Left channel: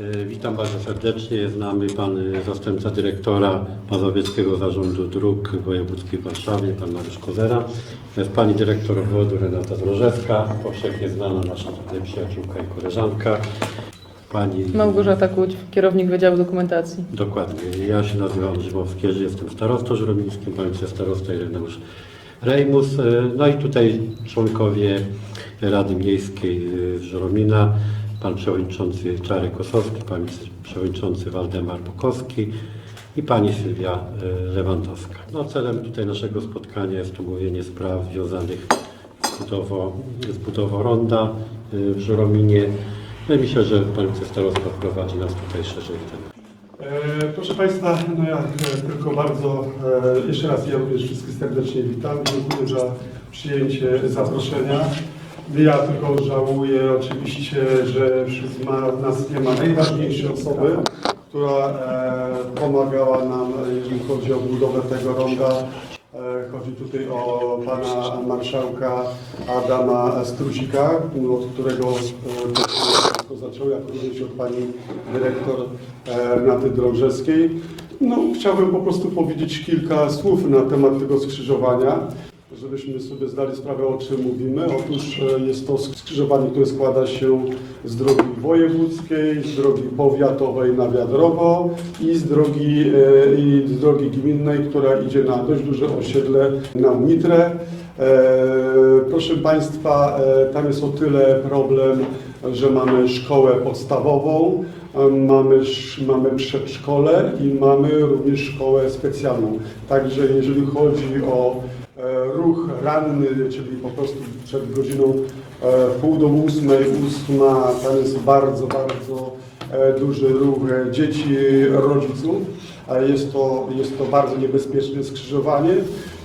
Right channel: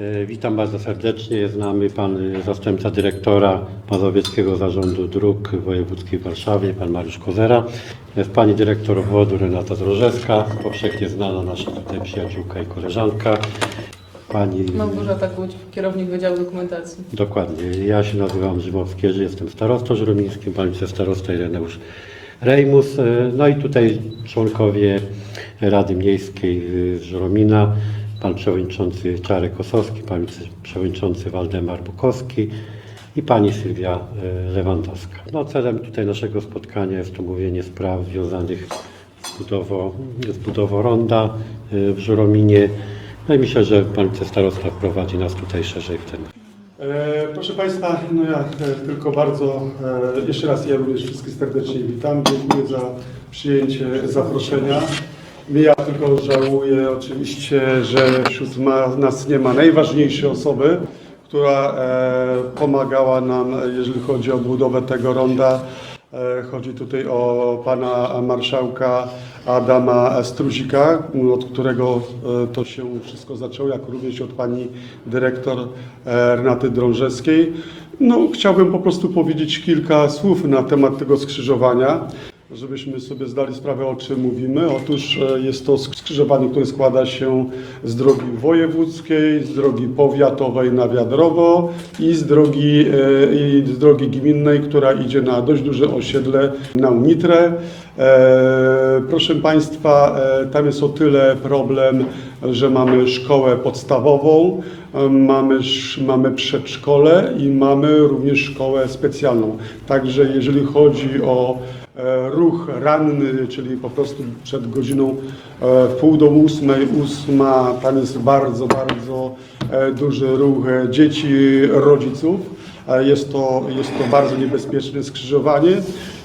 E, Witam bardzo serdecznie. Jest z nami pan e, zastępca dyrektora Mazowieckiego Zarządu Dróg Wojewódzkiej w Warszawie, pan Mariusz Kozera. Jest pani dyrektor obwodu Renata Drożewska, powszechnie znana nasza tutaj przyjaciółka i koleżanka. Pani... Małgorzata Kłódź, kierownik Wydziału Dokumentacji. Dokładnie. Ja się nazywam Grzymowski, że jestem starostą żuromińskim, pan wicestarosta Ireneusz Rejmus. E, No i tutaj członkowie Rady Miejskiej e, Żuromina, pan przewodniczący Czarek Kosowski, pan przewodniczący Waldemar Bukowski i pani Sylwia e, Lewandowska. No, celem tutaj naszego spotkania jest omówienie spraw związanych z budową, z budową ronda e, w Żurominie. No i myślę, że pan wicestarosta wprowadzi nas tutaj szerzej w temat. E, Proszę Państwa, no ja tylko bardzo, jeszcze raz ja również wszystkich serdecznie witam. Dziękuję za przyjęcie zaproszenia. Ja tylko żałuję oczywiście, że wśród nas nie ma najważniejszej osoby, która e, pomagała nam, jeżeli chodzi o budowę tego ronda. E, Chodzi tutaj o pana marszałka Adama Struzika, od którego e, to się wszystko zaczęło, jak również od pani dyrektor Renaty Drążewskiej. No, chciałbym po prostu powiedzieć kilka słów na temat tego skrzyżowania, żebyśmy sobie zdali sprawę, o czym mówimy. Otóż e, jest to skrzyżowanie, które składa się z drogi wojewódzkiej, z drogi powiatowej na Wiadrowo i z drogi, e, i z drogi gminnej, która idzie na dość duże osiedle na Unitrę. E, Proszę Państwa, tam jest o tyle problem, że mamy szkołę podstawową, mamy, mamy przedszkole i mamy również szkołę specjalną. Także jeżeli chodzi o ruch ranny, czyli po prostu przed godziną e, pół do ósmej, ósma, tam jest bardzo, bardzo e, duży ruch e, dzieci, rodziców. E, Jest to, jest to bardzo niebezpieczne skrzyżowanie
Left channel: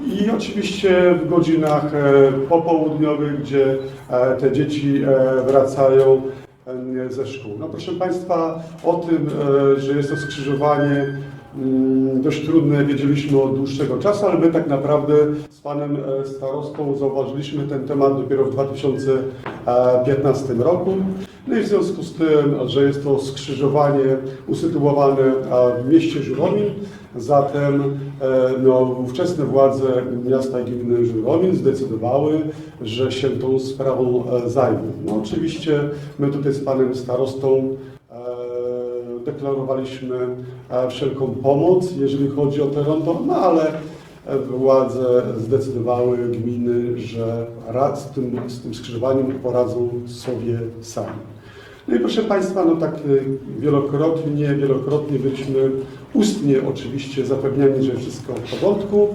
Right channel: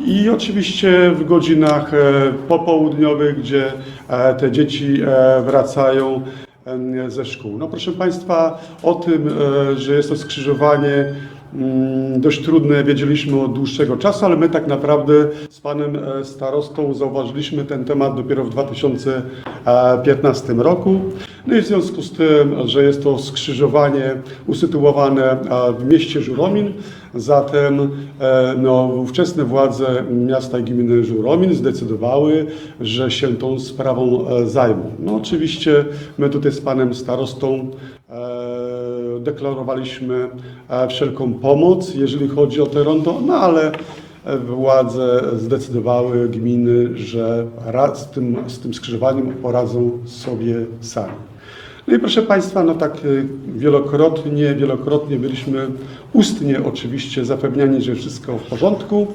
i oczywiście w godzinach e, popołudniowych, gdzie e, te dzieci e, wracają ze szkół. No proszę Państwa, o tym, e, że jest to skrzyżowanie dość trudne, wiedzieliśmy od dłuższego czasu, ale my tak naprawdę z panem e, starostą zauważyliśmy ten temat dopiero w 2015 roku. No i w związku z tym, że jest to skrzyżowanie usytuowane w mieście Żuromin, zatem e, no, ówczesne władze miasta i gminy Żuromin zdecydowały, że się tą sprawą e, zajmą. No oczywiście my tutaj z panem starostą deklarowaliśmy e, wszelką pomoc, jeżeli chodzi o te rondo, no ale e, władze zdecydowały, gminy, że z tym, z tym skrzyżowaniem poradzą sobie sami. No i proszę Państwa, no tak y, wielokrotnie, wielokrotnie byliśmy ustnie oczywiście zapewniani, że wszystko w porządku.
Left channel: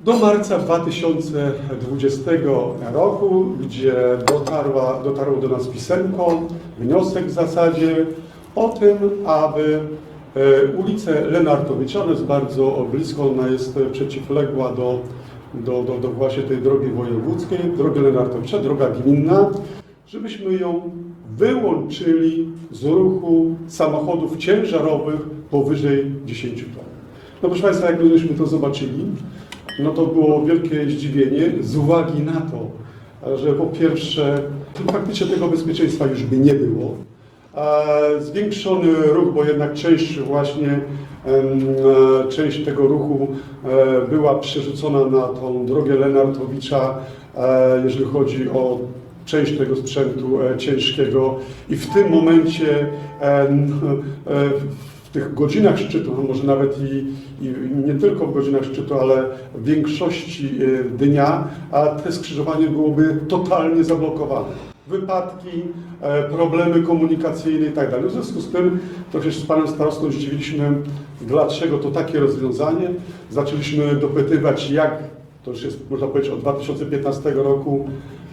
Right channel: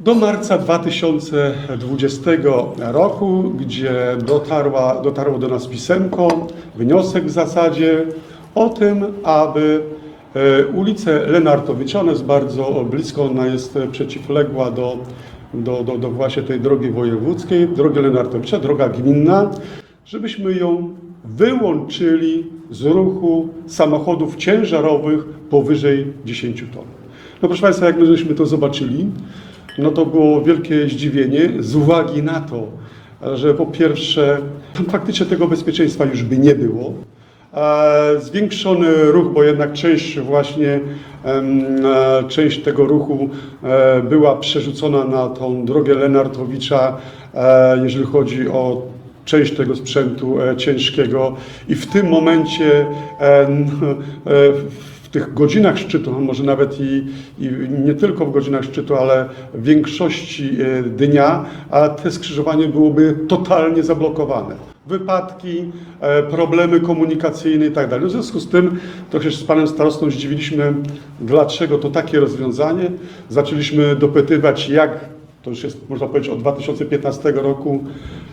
Do marca 2020 roku, gdzie dotarła, dotarło do nas pisemko, wniosek w zasadzie o tym, aby e, ulicę Lenartowicza, ona jest bardzo blisko, ona jest przeciwległa do, do, do, do właśnie tej drogi wojewódzkiej, drogi Lenartowicza, droga gminna, żebyśmy ją wyłączyli z ruchu samochodów ciężarowych powyżej 10 ton. No proszę Państwa, jak my żeśmy to zobaczyli, no to było wielkie zdziwienie z uwagi na to, że po pierwsze faktycznie tego bezpieczeństwa już by nie było. E, Zwiększony ruch, bo jednak część właśnie e, część tego ruchu e, była przerzucona na tą drogę Lenartowicza, jeżeli chodzi o część tego sprzętu ciężkiego i w tym momencie w tych godzinach szczytu, a może nawet i, i nie tylko w godzinach szczytu, ale w większości dnia, a te skrzyżowanie byłoby totalnie zablokowane. Wypadki, e, problemy komunikacyjne i tak. W związku z tym trochę się z panem starostą zdziwiliśmy, dlaczego to takie rozwiązanie. Zaczęliśmy dopytywać, jak to już jest, można powiedzieć, od 2015 roku,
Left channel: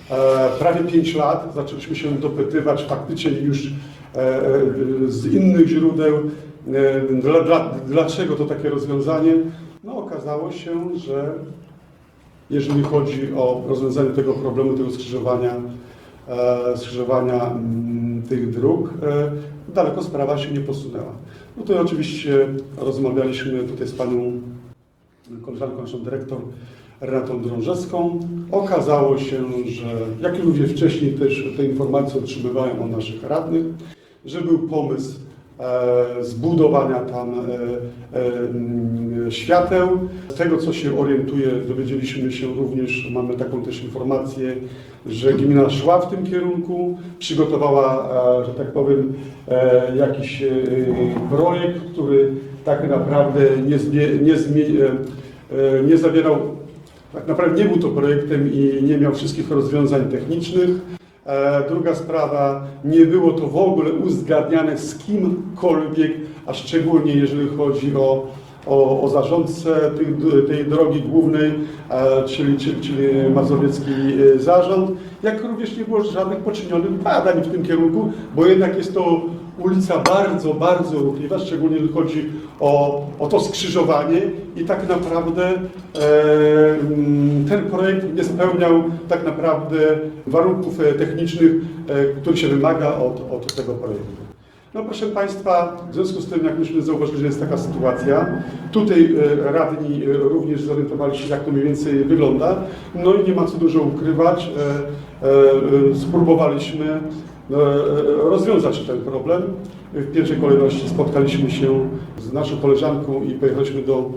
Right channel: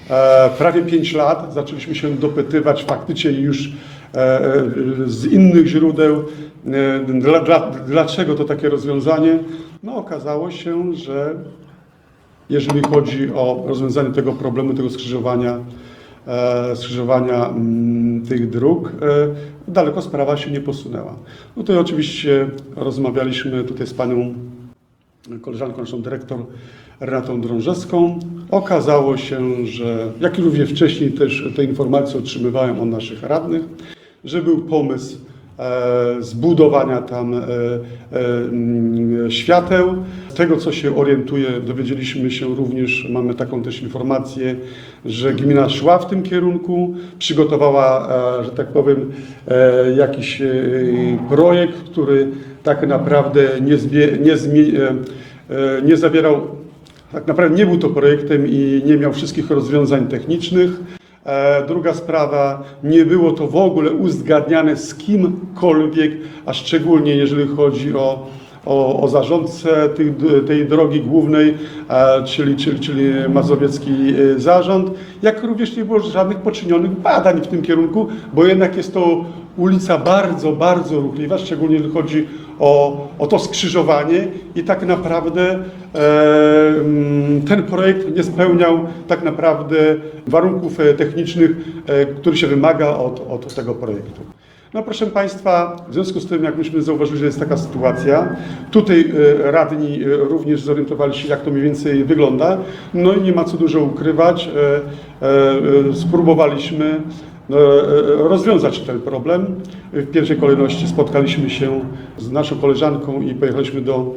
e, prawie 5 lat, zaczęliśmy się dopytywać faktycznie już e, z innych źródeł, dla, dla, dlaczego to takie rozwiązanie. No okazało się, że jeżeli chodzi o rozwiązanie tego problemu, tego skrzyżowania, skrzyżowania mm, tych dróg, e, daleko sprawa się nie posunęła. No to oczywiście rozmawialiśmy tutaj z panią koleżanką, naszą dyrektor Renatą Drążewską. Okazało się, że jak i również wcześniej też te informacje otrzymywałem od naszych radnych, że był pomysł e, zbudowania tam e, e, mm, świateł. Z tego, co się orientuję, dowiedzieliśmy się również, mamy taką też informację, że gmina szła w tym kierunku, przygotowała, e, że tak powiem, e, jakiś e, projekt, który tak naprawdę nie, nie, e, e, nie zawierał, tak naprawdę nie był to projektem i nie miał wszystkich rozwiązań technicznych. E, Druga sprawa, nie było to w ogóle uzgadniane z kimkolwiek, a szczególnie jeżeli chodzi o, o, o zarządcę tych, tej drogi głównej, e, czyli, czyli, czyli Mazowiecki e, Zarząd, jak również nie było żadnych poczynionych badań w tym kierunku, bo jednak jest to ulica bardzo, bardzo ruchliwa, szczególnie jeżeli chodzi o, o to skrzyżowanie i tak naprawdę e, mm, ten projekt nie spełniał tak naprawdę warunków e, technicznych, e, który się wymaga od, od tego projektu. No proszę Państwa, w związku z tym, jak myśmy zauważyli, że jest taka sytuacja, tutaj e, radni e, również zorientowali się, jak to mniej więcej wygląda, no i nie ma co dużo ukrywać, e, spróbowaliśmy rozwiązać ten problem. W pierwszej kolejności spotkaliśmy się z naszą koleżanką i pojechaliśmy do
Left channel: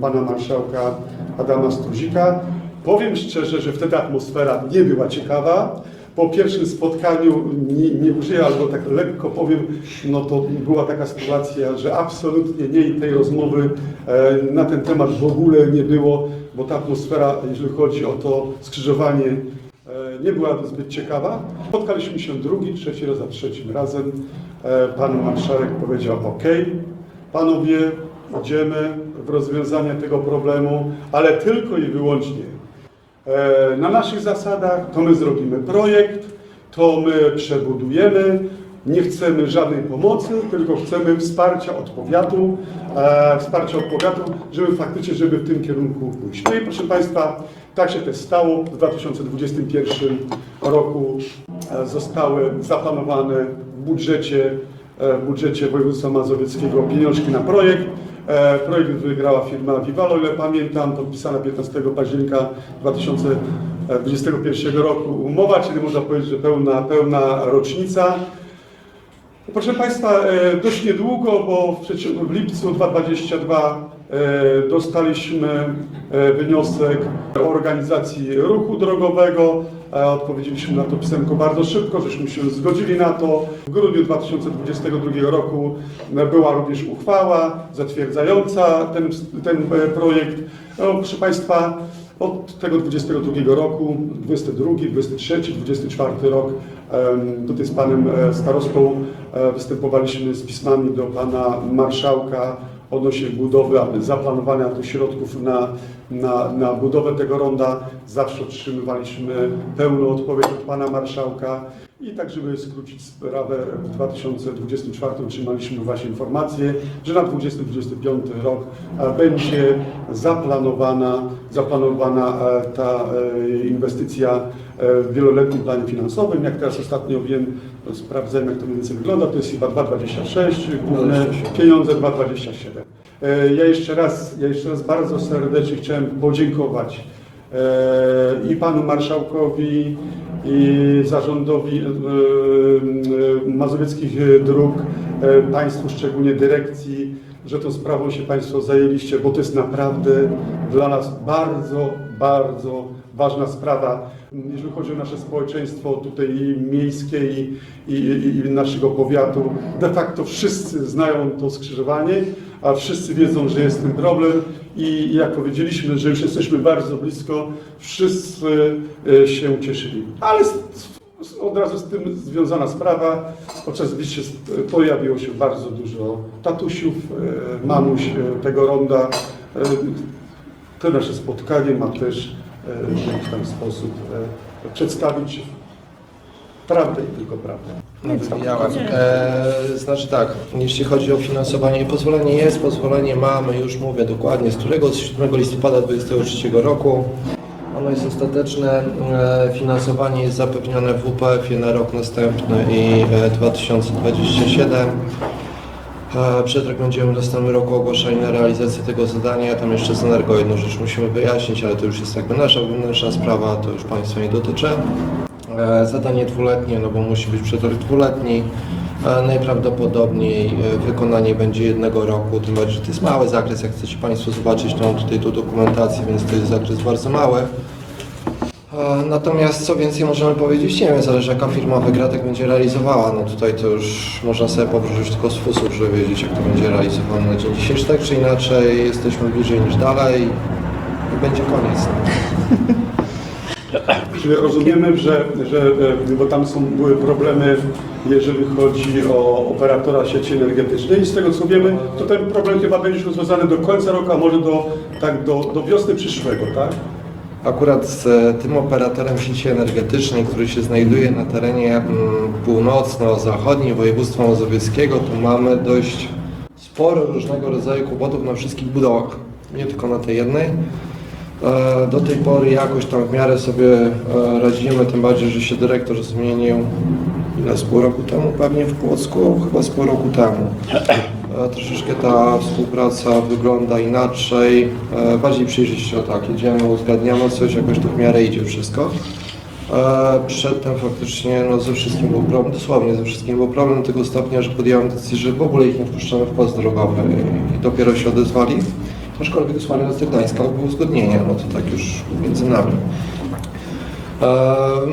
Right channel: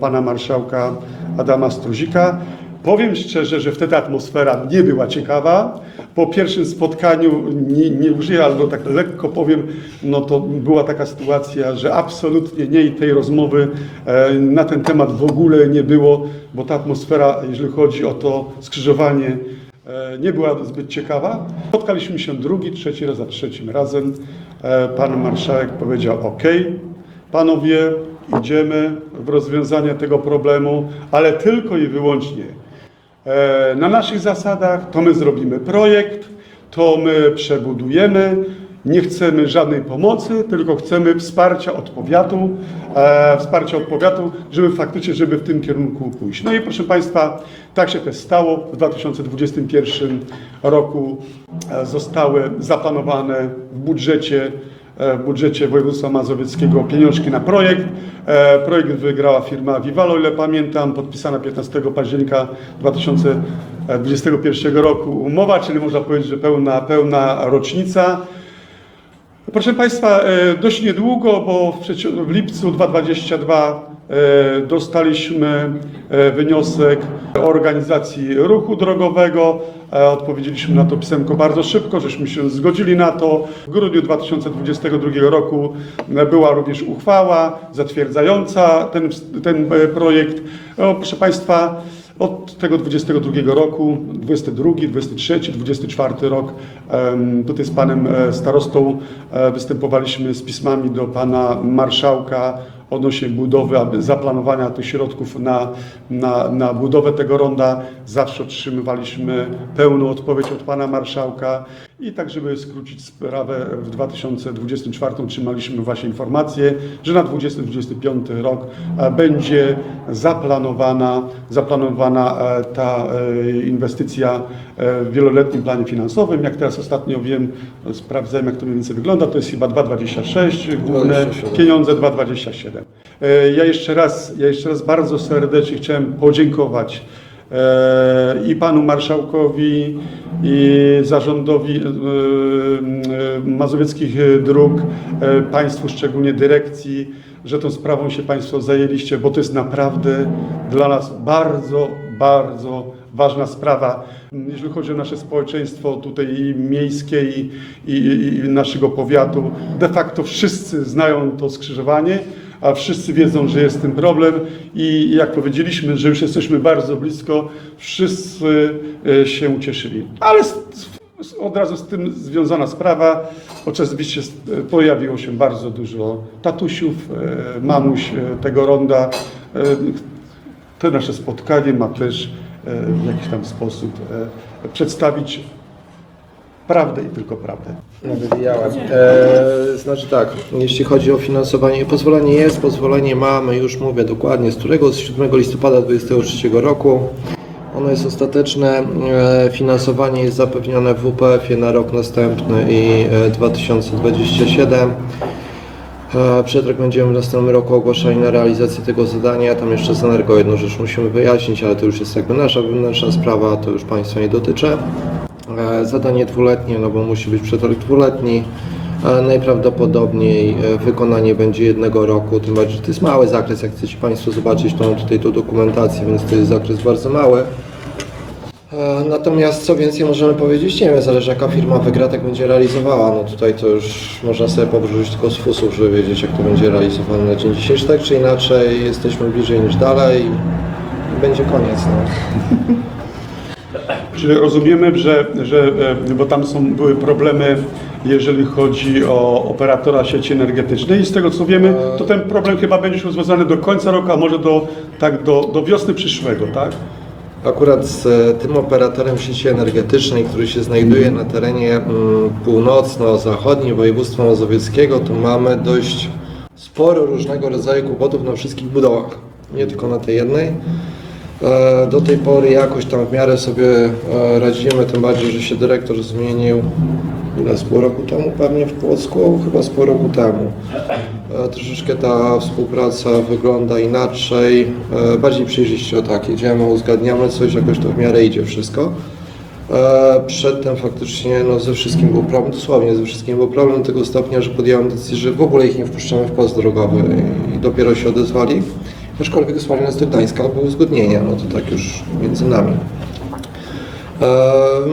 pana marszałka Adama Struzika. Powiem szczerze, że wtedy atmosfera nie była ciekawa. Po pierwszym spotkaniu, nie, nie użyję, albo tak lekko powiem, no to była taka sytuacja, że absolutnie nie i tej rozmowy e, na ten temat w ogóle nie było, bo ta atmosfera, jeżeli chodzi o to skrzyżowanie, e, nie była zbyt ciekawa. Spotkaliśmy się drugi, trzeci raz, a trzecim razem. E, Pan marszałek powiedział: OK, panowie, idziemy w rozwiązanie tego problemu, ale tylko i wyłącznie na naszych zasadach. To my zrobimy projekt, to my przebudujemy. Nie chcemy żadnej pomocy, tylko chcemy wsparcia od powiatu, e, wsparcia od powiatu, żeby faktycznie, żeby w tym kierunku pójść. No i proszę Państwa, tak się też stało. W 2021 roku e, zostały zaplanowane w budżecie, e, w budżecie województwa mazowieckiego pieniążki na projekt. E, Projekt wygrała firma Vivalo, o ile pamiętam, podpisana 15 października 2021 roku umowa, czyli można powiedzieć, że pełna, pełna rocznica. Proszę Państwa, e, dość niedługo, bo w, lipcu 2022 e, dostaliśmy e, wniosek organizacji ruchu drogowego. E, Odpowiedzieliśmy na to pisemko bardzo szybko, żeśmy się zgodzili na to. W grudniu 2022 roku e, była również uchwała zatwierdzająca ten, ten e, projekt. Proszę Państwa, od tego 22 roku, 22, 23, 24 rok, tutaj z panem e, starostą e, występowaliśmy z pismami do pana marszałka odnośnie budowy, zaplanowania tych środków na, na, na budowę tego ronda. Zawsze otrzymywaliśmy pełną odpowiedź od pana marszałka. I tak, żeby skrócić sprawę, w 2024 otrzymaliśmy właśnie informację, że na 2025 rok e, będzie zaplanowana, zaplanowana e, ta e, inwestycja w wieloletnim planie finansowym. Jak teraz ostatnio wiem, sprawdzałem jak to mniej więcej wygląda, to jest chyba 2,26 główne 27. pieniądze 2,27. E, Ja jeszcze raz, ja jeszcze raz bardzo serdecznie chciałem podziękować i panu marszałkowi, i zarządowi e, e, Mazowieckich Dróg, e, państwu, szczególnie dyrekcji, że tą sprawą się państwo zajęliście, bo to jest naprawdę dla nas bardzo, bardzo ważna sprawa. Jeżeli chodzi o nasze społeczeństwo tutaj i miejskie i, i, i naszego powiatu, de facto wszyscy znają to skrzyżowanie, a wszyscy wiedzą, że jest tym problem i jak powiedzieliśmy, że już jesteśmy bardzo blisko, wszyscy e, się ucieszyli. Ale od razu z tym związana sprawa, oczywiście s- pojawiło się bardzo dużo tatusiów, e, mamuś e, tego ronda. E, To nasze spotkanie ma też e, w jakiś tam sposób e, przedstawić prawdę i tylko prawdę. Wywijałem. E, znaczy tak, jeśli chodzi o finansowanie, pozwolenie jest, pozwolenie mamy, już mówię dokładnie, z którego z 7 listopada 2023 roku. Ono jest ostateczne, e, finansowanie jest zapewnione w WPF-ie na rok następny i e, 2027. E, Przed rok będziemy w następnym roku ogłaszali na realizację tego zadania. Tam jeszcze z Energo jedną rzecz musimy wyjaśnić, ale to już jest jakby nasza wewnętrzna sprawa, to już Państwa nie dotyczy. E, Zadanie dwuletnie, no bo musi być przetarg dwuletni. Najprawdopodobniej e, wykonanie będzie jednego roku, tym bardziej, że to jest mały zakres, jak chcecie Państwo zobaczyć, to mam tutaj tą dokumentację, więc to jest zakres bardzo mały. E, Natomiast co więcej możemy powiedzieć, nie wiem, zależy jaka firma wygra, tak będzie realizowała. No tutaj to już można sobie powrócić tylko z fusów, żeby wiedzieć jak to będzie realizowane na dzień dzisiejszy. Tak czy inaczej jesteśmy bliżej niż dalej i będzie koniec. No. Czyli rozumiemy, że, że e, bo tam są, były problemy, jeżeli chodzi o operatora sieci energetycznej i z tego co wiemy, to ten problem chyba będzie już rozwiązany do końca roku, a może do, tak, do, do wiosny przyszłego, tak? Akurat z e, tym operatorem sieci energetycznej, który się znajduje na terenie mm, północno-zachodnim województwa mazowieckiego, tu mamy dość sporo różnego rodzaju kłopotów na wszystkich budowach, nie tylko na tej jednej. E, Do tej pory jakoś tam w miarę sobie e, radzimy, tym bardziej, że się dyrektor zmienił ile z pół roku temu, pewnie w Płocku, chyba z pół roku temu. E, Troszeczkę ta współpraca wygląda inaczej, bardziej przejrzyście o tak, jedziemy, uzgadniamy coś, jakoś to w miarę idzie wszystko. Przedtem faktycznie no, ze wszystkim był problem, dosłownie ze wszystkim był problem do tego stopnia, że podjąłem decyzję, że w ogóle ich nie wpuszczamy w pas drogowy i dopiero się odezwali. Aczkolwiek wysłali nas do Gdańska, uzgodnienie, no to tak już między nami. E,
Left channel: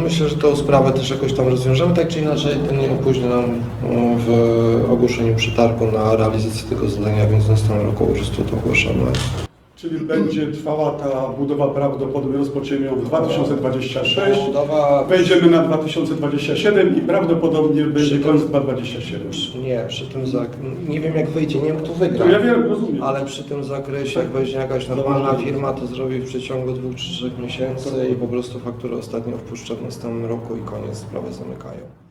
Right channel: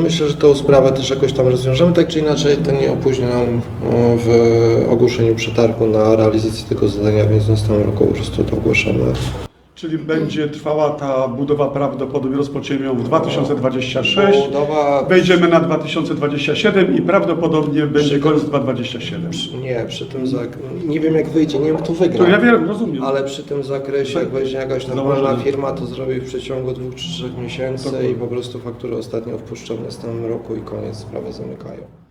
Myślę, że tę sprawę też jakoś tam rozwiążemy, tak czy inaczej to nie opóźni nam e, w ogłoszeniu przetargu na realizację tego zadania, więc w następnym roku po prostu to ogłaszamy. Czyli będzie trwała ta budowa prawdopodobnie rozpoczniemy ją w 2026, Budowa wejdziemy na 2027 i prawdopodobnie będzie koniec 2027. Nie, przy tym nie wiem jak wyjdzie, nie wiem kto wygra. To ja wiem, rozumiem. Ale przy tym zakresie, jak weźmie jakaś normalna Zauważyłem. firma, to zrobi w przeciągu dwóch czy trzech miesięcy i po prostu fakturę ostatnio wpuszczą w następnym roku i koniec, sprawę zamykają.